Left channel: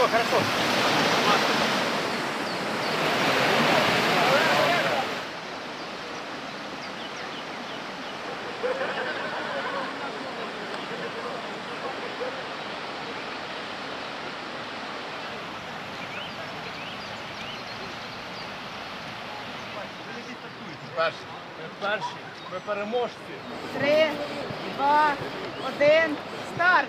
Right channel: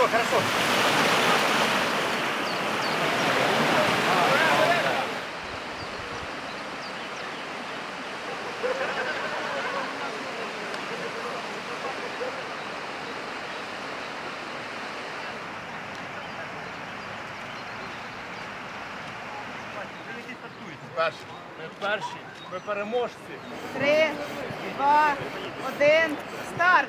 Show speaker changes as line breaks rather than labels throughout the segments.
хорошо, хорошо. Перші.
Ми перші, ми переможці.
Три, два, один, старт!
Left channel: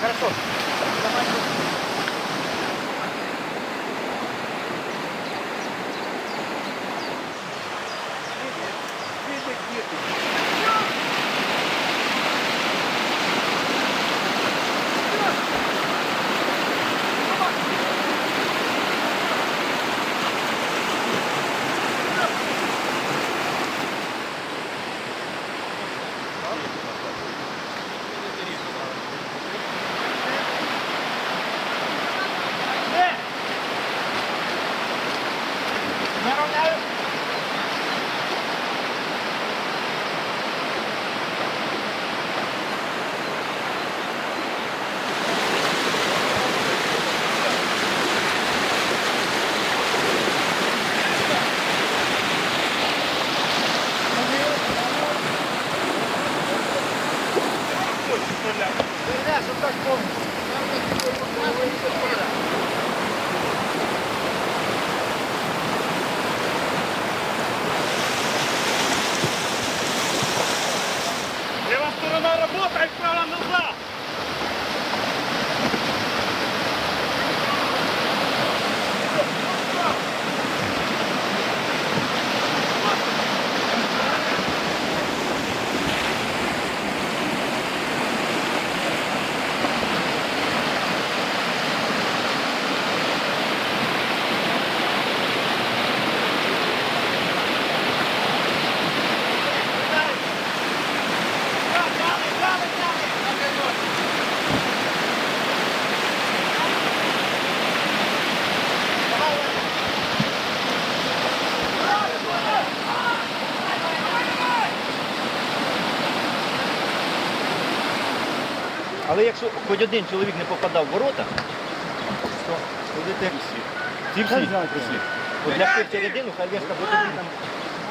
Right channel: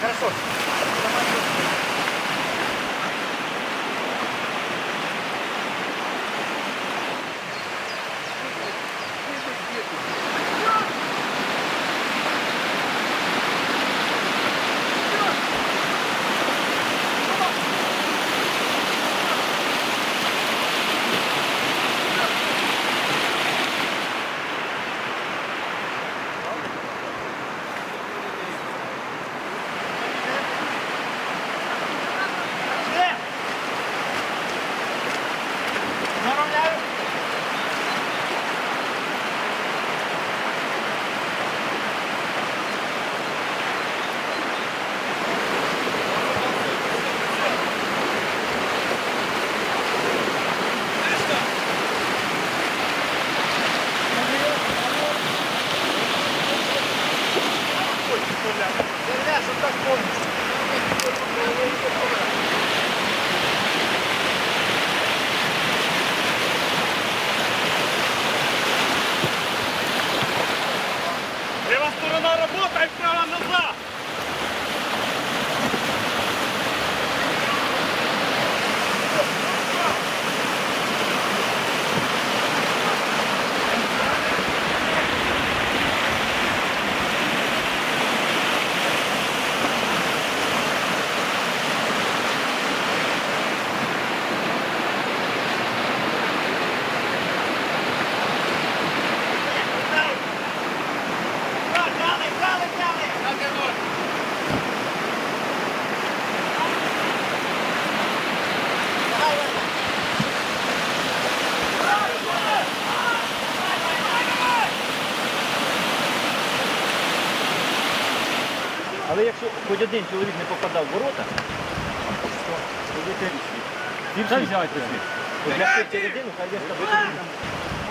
Хорошо,
Sayfır aranızda.
хоч один чоловік не попадав в ворота, то
будете ці всі.
От Для всіх середину, хай Леска буде там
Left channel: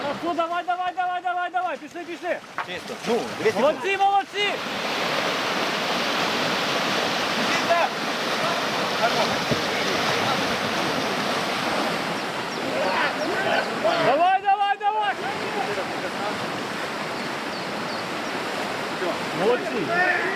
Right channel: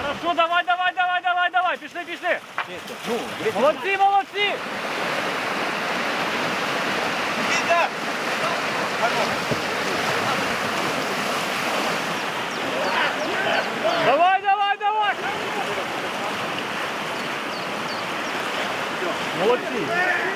Ну що, давай, давай, давай, давай, давай, пішли, пішли. чисто. Ну, дивіться, Молодці, молодці. Давай, давай, давай.
Молодці.